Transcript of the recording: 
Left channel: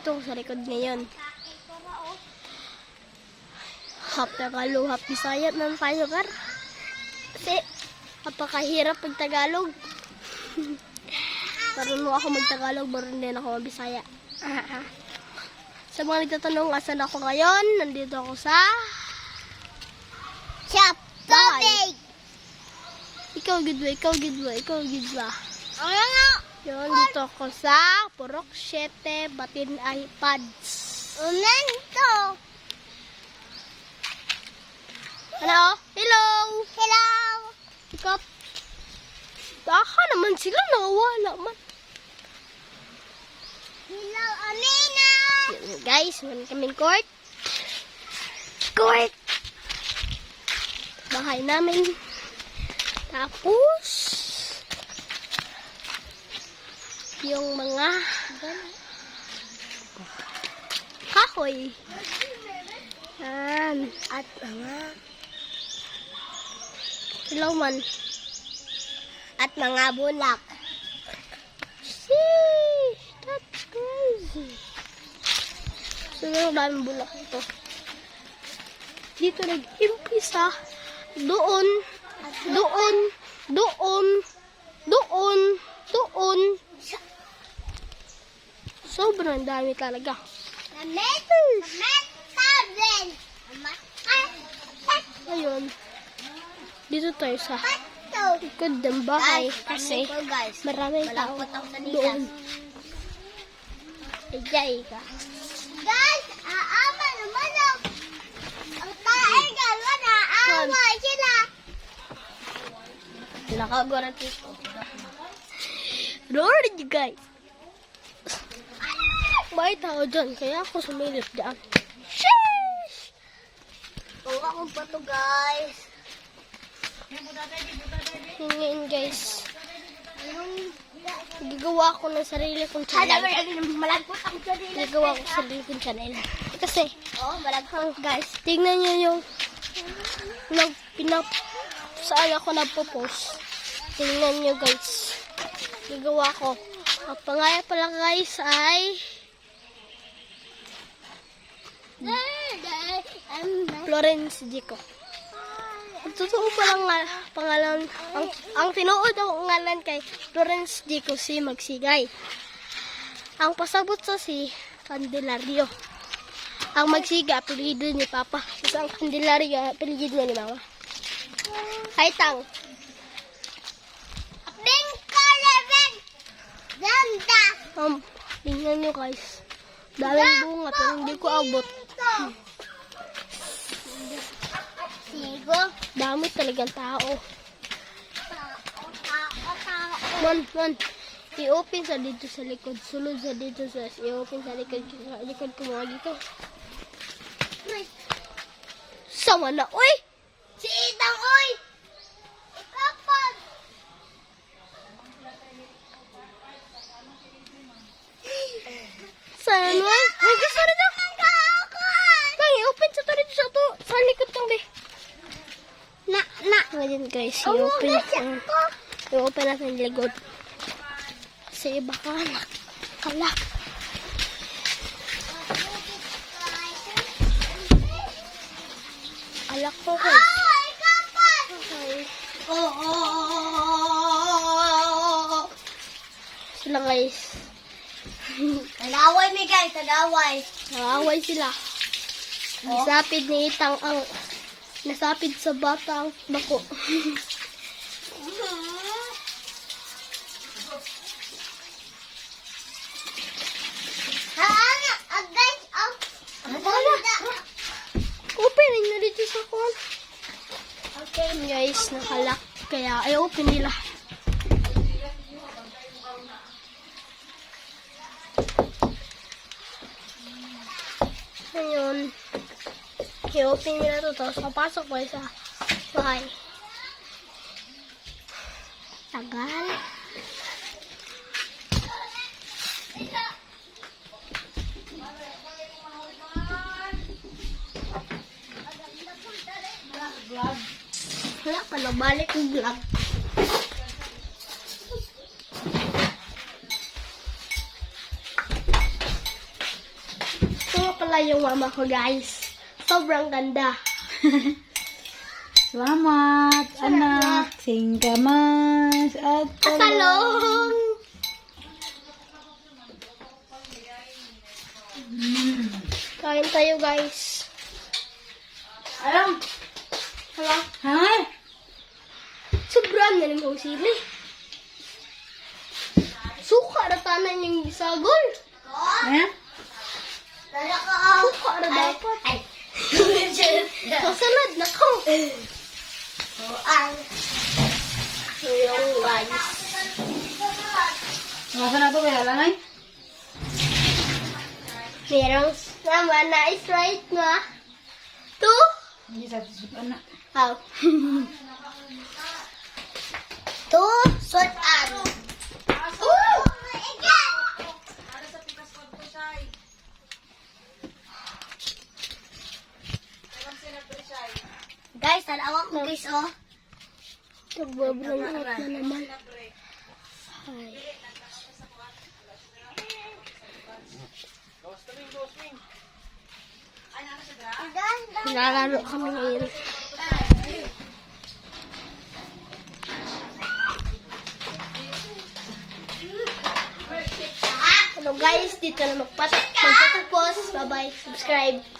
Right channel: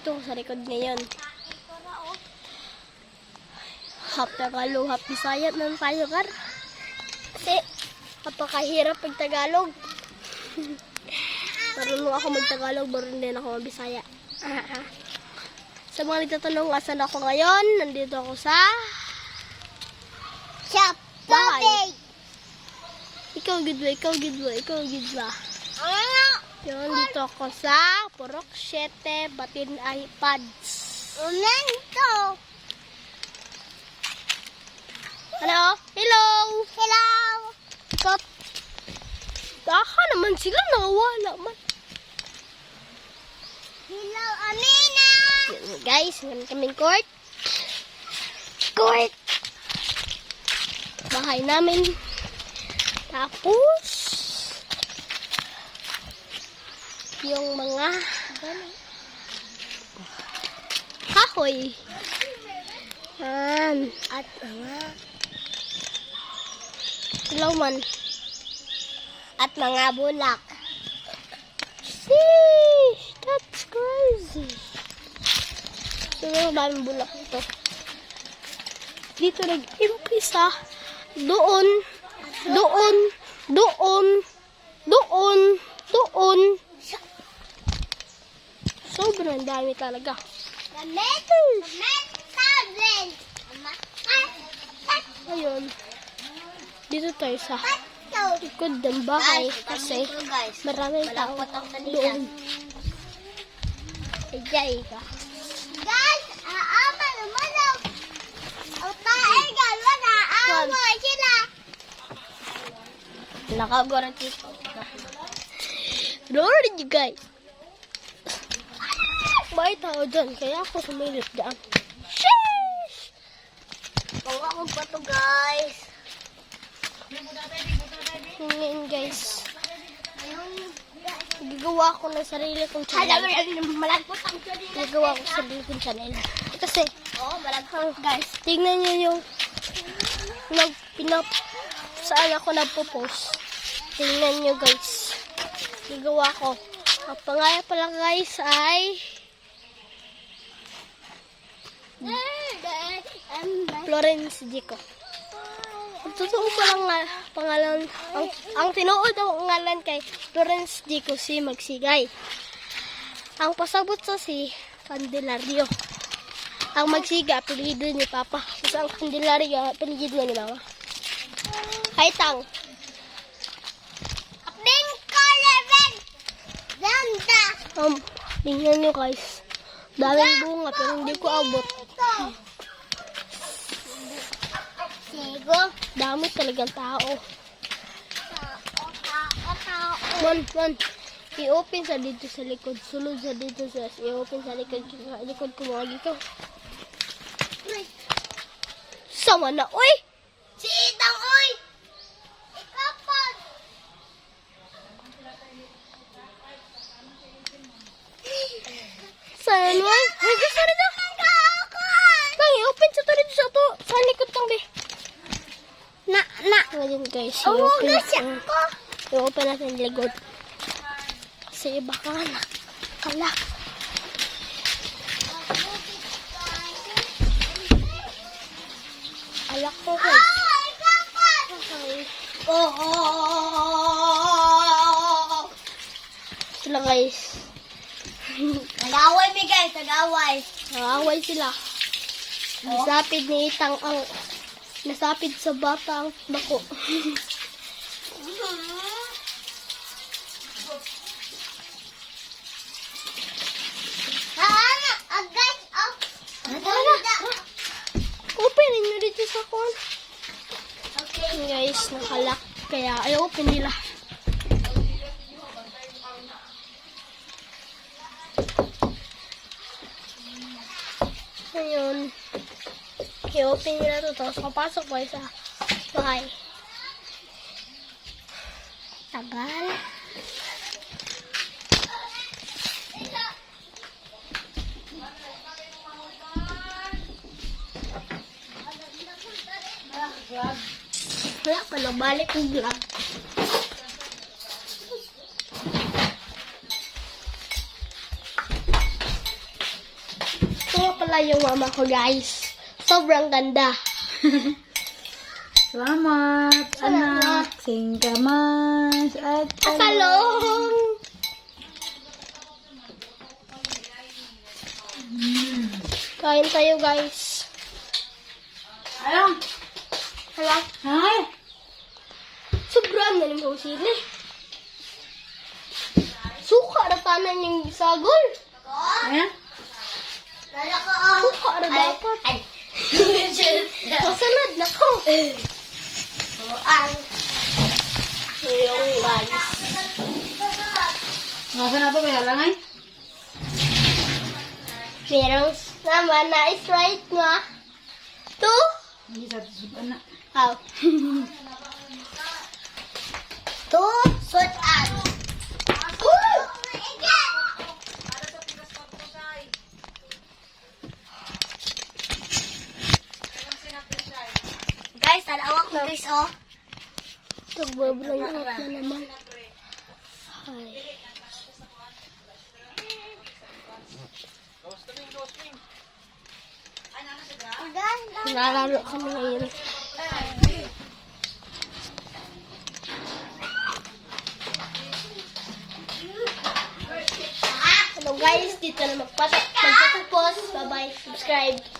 dito sa likod ngayon. Half Tagalog, half Bisaya na tayo, kar. Kasi, napakahirap pag Tagalog. Marunong ako mag-Tagalog, marunong din ako mag-Bisaya. Sa mga nagtatanong, asan ako ngayon? Nandito ako sa bahay. Ikaw gidwa, ikaw gidwa, ikaw gidwa. Yun, dito ako sa Purok 7, Batin iPads. Unento. Hello? Hello? Hello. Ikaw? Baka naman sila, nawala man. Hello, Amina. Yun, guys, meron kaming court. Court! Bahay namin. Tapos, yung mga kahoy. At mga ilawan. At mga bulak. Sheesh! That's crazy. So, yung daming bulak ito. Dito nag-impisa. Doon. Doon. Doon. Doon. Doon. Sobrang dami talaga. Ayun. Dito tayo sa likod ng bahay kasi maraming tao doon. Ejay ka. Guys, aama naman ang tayo galo na aama sila. Nakagwarantis ko. Lord, you guys. May tao dyan, kaya ako sumilip dyan. Sheesh! Tawa ko pa to, guys. Ngayon, guys. Gagawa ko ng sarili kong channel. Malagpot ang sarili. Gagawa ko sarili kong channel. Kasi, malagpot. guys, tingnan nyo yung saan ako nagpo-post. Tingnan nyo, guys. Gagawa ko. Ang pangalan pala, guys, ay Florence Jico. Ang totoo palang pangalan, ang tinuod ang ngalan kay Florence Jico si Magsigay. Ang pasabot sa si Candelario. Ang Magsiga, apelido ni Papa. Kasi ang Candelario, apelido ni Mama. Ay, tang. Pink color red. Ganda. Tingnan nyo, guys. Daming bunga, pero hindi ko abot. Sigo. Dami talagang tao. Man. I-open sa dito sa likod. Sulod sa dito sa i-open sa likod ko mga dito. Sama na, oy! Si Itang, oy! Kapag! Saan, oy? Ay, gusto rin ako! Nang i-open sa dito sa to. Sa likod lang, be. Ngayon, guys, i-open natin yung likod. Kasi iba ka na. Kalak. Alak ko, guys. Okay. Ito lang, guys. Tagaway mi guys, tagaway. Nakaway sila. Nasapid ni Itang ang nasapid sa bata ang bako. Guys, Open nyo dito sa kon. okay. Guys, nakalak. Kaya ay open nila. Ngayon, i-open nila ito. Tapos kapasok ko sa bahay. Tagal. Wala pa na balik yung vlog. Ito nga pala yung mama ko, guys. Sobrang ganda. Salamat, anak. Singkamas at Talong! Kain tayo, guys. Ayun. Hala, Hay. sobrang na rin kong sili. Suka na tanan yung gisagol. Ayan. Lala ko. Suka na dapat. Ay. Kasunod na ko. Ang. Yung guys. Masa na po kaya lang ay? Merong naman na is-right nga. Two. Hindi sa anak. How? Two. Sort ang. Guys, talawak mo guys, oh. Nagbablong out na naman. Ay. Lalaro kami ngayon. Hello guys, dito na magpatapos. Bye-bye. Subscribe.